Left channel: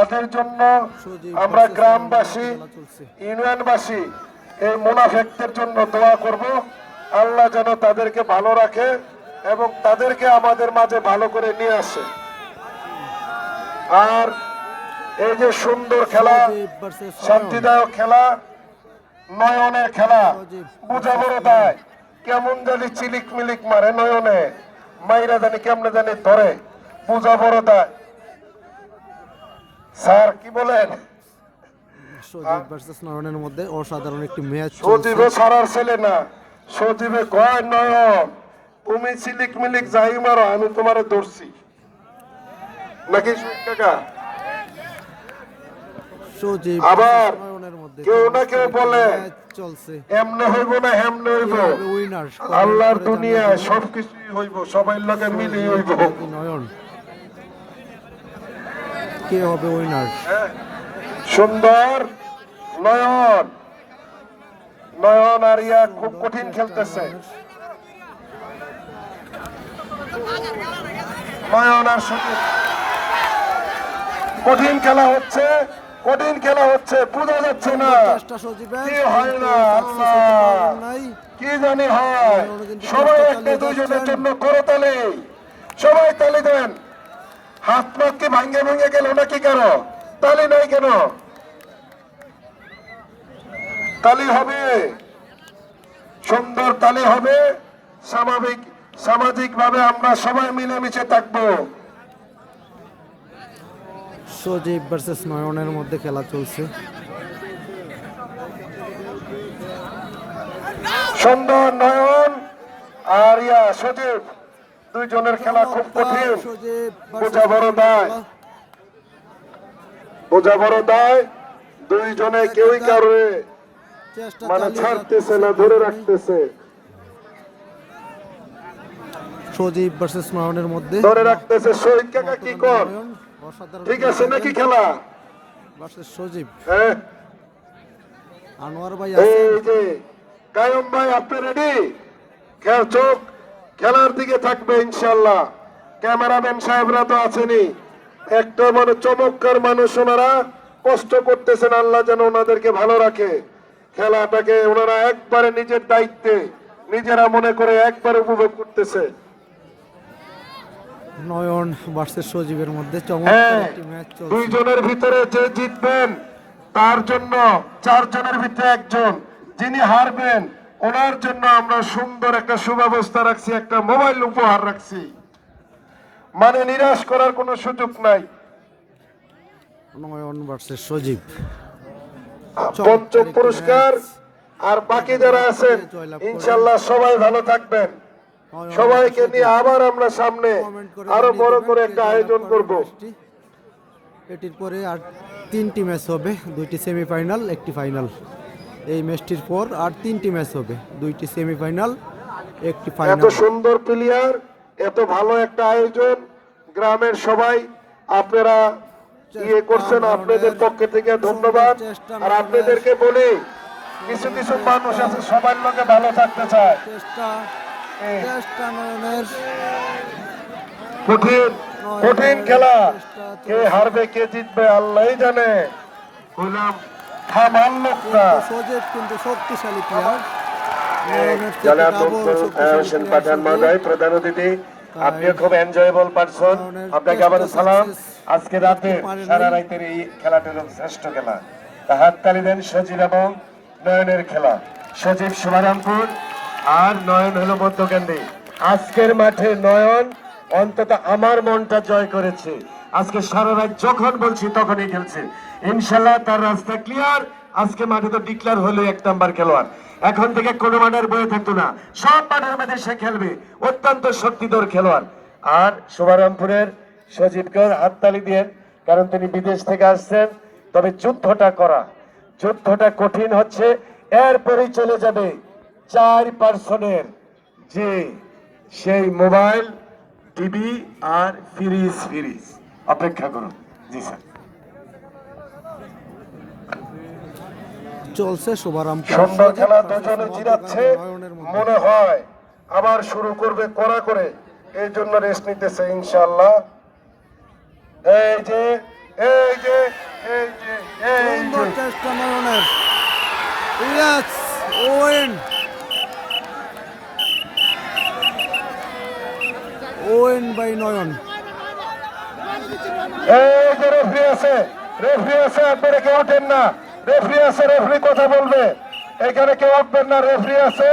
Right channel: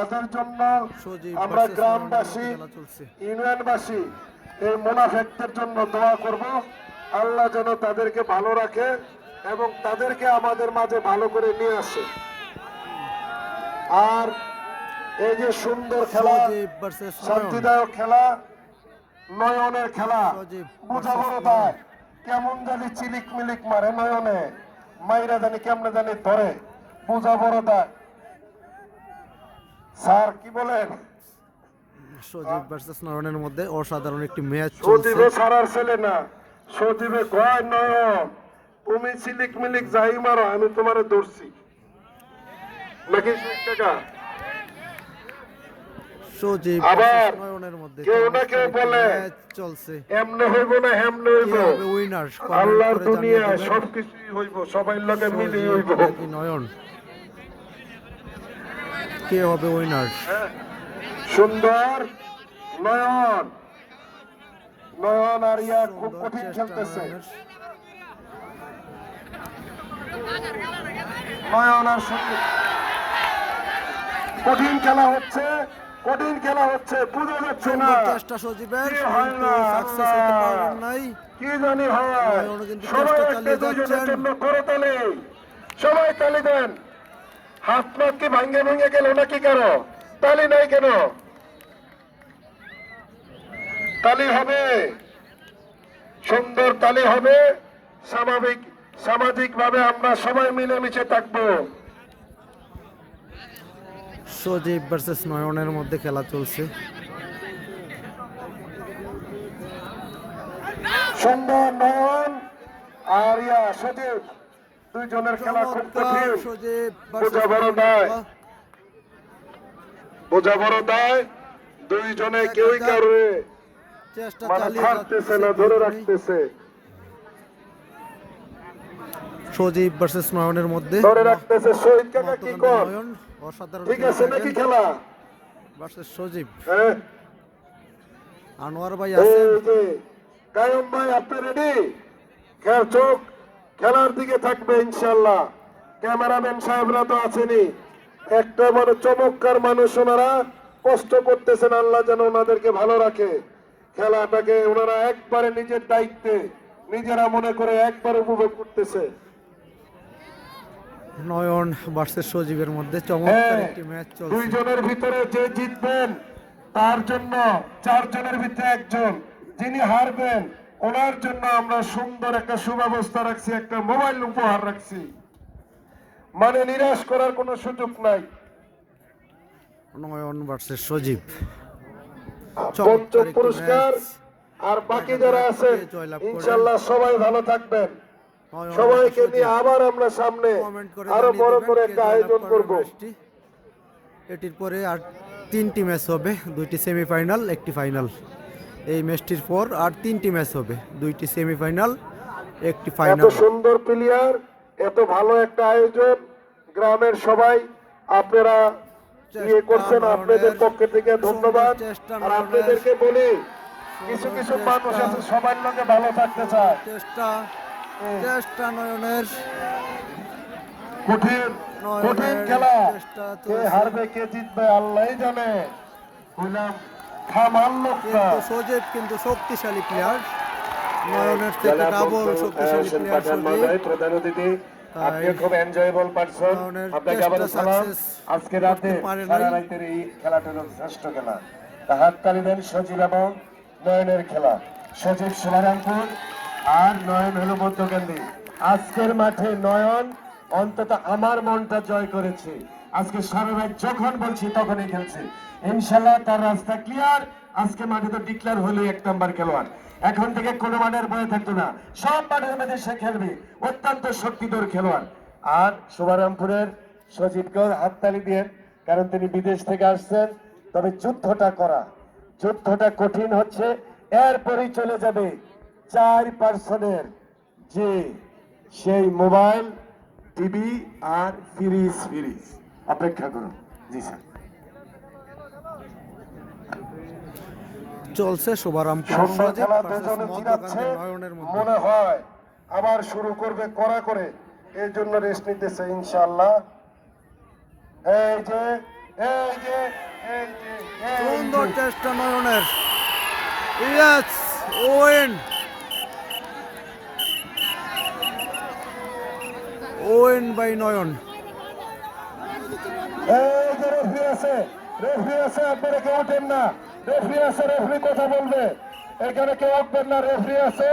তাদের জন্য আমরা গ্রামবাসী ইউনিয়নবাসী এই মুনাফেকদের জন্য দোয়া করব। আল্লাহ যেন তাদেরকে ভালো রাখে এবং তাদেরকে আমাদের মাঝে ভালো করে নিয়ে আসে। আর এই যে সুন্দর খেলা, শান্তিদায়ক খেলা, নয়নের খেলা, বুঝা বড় দেয় কেমন জানি চিলিক মিলিক মারে নয়নে, মাইরা জানি কেমনে জানি ধরে, বুঝা বড় দেয়। স্যার কি বলেন? সজীব ভার্সেস নয়নের মধ্যে অসাধারণ একটি ম্যাচ চলছে। সজীবে সারার ছেলে না, সজীবে কয় নয়ন তুমি চিলিক মিলিক যাই মারো আমি তোমারে ধরছি নাকি কাকা? সজীব আবার নয়নের মধ্যে কেউ না কেউ বলে ম্যাচ চলছে। এমনে হইব না হেমনে হইব, উইনার আল্লাহর দুনিয়ায় সবকিছুই হইব, সবাই লগে মিলে হইব। নয়ন কে হবে উইনার? সুন্দর নয়ন, নয়ন আর ইয়া খুব কঠিন খেলতেছে। নয়ন আর সজীব কঠিন খেলা হচ্ছে, কঠিন খেলা হচ্ছে, বোঝা যাচ্ছে না চেষ্টা সজীবের কি হয় না, সাকসেস হতে পারেন নাই। কি জানি হয়। নয়ন কিন্তু চেষ্টা চালিয়ে যাচ্ছেন। করে তালে সবাই তালি দেন। হাত পাত কি ভাঙ্গে ভেঙে গেল নাকি? কেন তালি নাই কেন? তালি হবে, সুন্দর তালি হবে। সামাজিক ভাবে আমরা সবাই মিলেমিশে থাকবো। সজীব ভার্সেস নয়নের মধ্যে খেলা চলছে। সুন্দর নয়ন আর ইয়া সজীব, দুইজনের খেলা খুব কঠিন। সজীব বোঝা বড় দায়, বোঝা বড় দায়। দুইজনে কেউই কারোর চেষ্টা মানে চালিয়ে ছাড়তেছে না, ধরে রাখতেছে। সজীব ভার্সেস নয়নের মধ্যে ধরে রাখতেছে। শহীদ কাকা কি কর? নয়ন অসাধারণ ঠিক আছে নাকি খেলা? ভার্সেস সজীব। হ্যাঁ, আনোয়ার ভাই এই আছেন। যে কায়ুম ভাই আপনি রেডি? চোখ খেলার দিকে থাকবে ইনশাল্লাহ। ক্যামেরাম্যান সাহেবরা তো আছেনই, একটা মানে চমৎকার মানুষ। ওনারা কষ্ট করতেছেন, আল্লাহ যেন ওনাদেরকে ভালো রাখে। খেলাটাকে ওনারা একবারে নিজের দায়িত্বে নিজেরা মনে করে একবারে উপভোগ করতেছে। নয়ন ভার্সেস সজীবের মধ্যে চমৎকার হ্যাঁ, একটি ম্যাচ চলছে। দুইজনের ভিতরে যে জিতবেন তার জন্য, চারজনের ভিতরে একজন যিনি হারবেন ওনার জন্য আমরা সুন্দর একটা সুব্যবস্থা রাখছি, একটা মোবাইল উপহার রাখছি। মানে নিরাশ করার কোনো সুযোগ নাই। নয়ন ভার্সেস সজীব পঞ্চম পুরস্কার। আর বাকি যারা আছেন ইনশাল্লাহ সবাই ভালো থাকবেন। সবাইকে নিয়ে আবার আমরা সামনে আরো বড় করে একটা আয়োজন করব। এটির পরে আর 3টি ম্যাচ হবে, 2টি সেমিফাইনাল, একটি ফাইনাল। এই ম্যাচটির পর আর 3টি ম্যাচ হবে, 2টি সেমিফাইনাল, একটি এত ফাইনাল। সুন্দর প্লেয়ার, এত ভালো একটা আয়োজন, গ্রামের সবাই আপনারা ইয়ে করছেন, আপনাদের পক্ষ থেকে ধন্যবাদ। আর আপনাদেরকে বলি, কিছু কিছু মানুষ আছে সবার লোকে ভালো থাকতে চায়। চেষ্টা নয়নের, কঠিন কঠিন খেলা, কে হারবে কে জিতবে আল্লাহই জানে। হইলাম থামার লোক না। সজীব কিন্তু শক্তিশালী প্লেয়ার, নয়নের থেকে ডাবল শক্তিশালী প্লেয়ার। প্রধান অতিথি, আপনি খুব এনজয়েবল পারসন, আপনাকে আবার সালাম। আজকে রাতে সারা রাতের এই খেলাটা শ্রেষ্ঠ খেলা। হাততালি দেন সজীব এবং নয়নের খেলা। সজীব শুভারামপুর আর নয়ন হলো মধ্যকেন্দ্রে। আজকের মাঠে নয়ন অন্তত আমার মনটা জয় করেছে। আজকে সারা রাত যখন বলছি তখনই খেলছে। ইনশাল্লাহ তার রাস্তা ক্লিয়ার। আজকে মাঠে তো ডিক্লার হলো 1 নাম্বার খেলোয়াড়। এখন থেকে কোনো মাঠের বয়ে থাকতো না, সব মাঠের মধ্যে সে খেলবে। অত্যন্ত শক্তিধর খেলোয়াড়। আর শুভারামপুরের সজীবকে হাততালি দিয়ে, কারণ তিনি বিদেশ থেকে আসছেন। তবে যুদ্ধটা কঠিন হচ্ছে। এরপরেই চলে যাবে 4 পার্সনের যে সেই মোবাইল, টিভি আর ফ্রিজ। অপেক্ষা করুন। জি স্যার, চলছে শুভারামপুর সুন্দর খেলা, দুজনে জিরাচ্ছে মনে হয়। আবার শুরু করবে কড়া করে, এই জন্য রেস্ট নিতেছে ইনশাআল্লাহ। এই যে এই যে এই যে এই সুন্দর যে চেষ্টা নয়নের। ইয়েস, ওয়েন ওয়েন বাই নয়ন। এই যে রেফারি আছে, রেফারি আছে, আপনারা কেউ ওঠেন না। রেফারি আছে, রেফারি কথা বলবে, এখানে কেউ উঠবেন না, রেফারি আছে।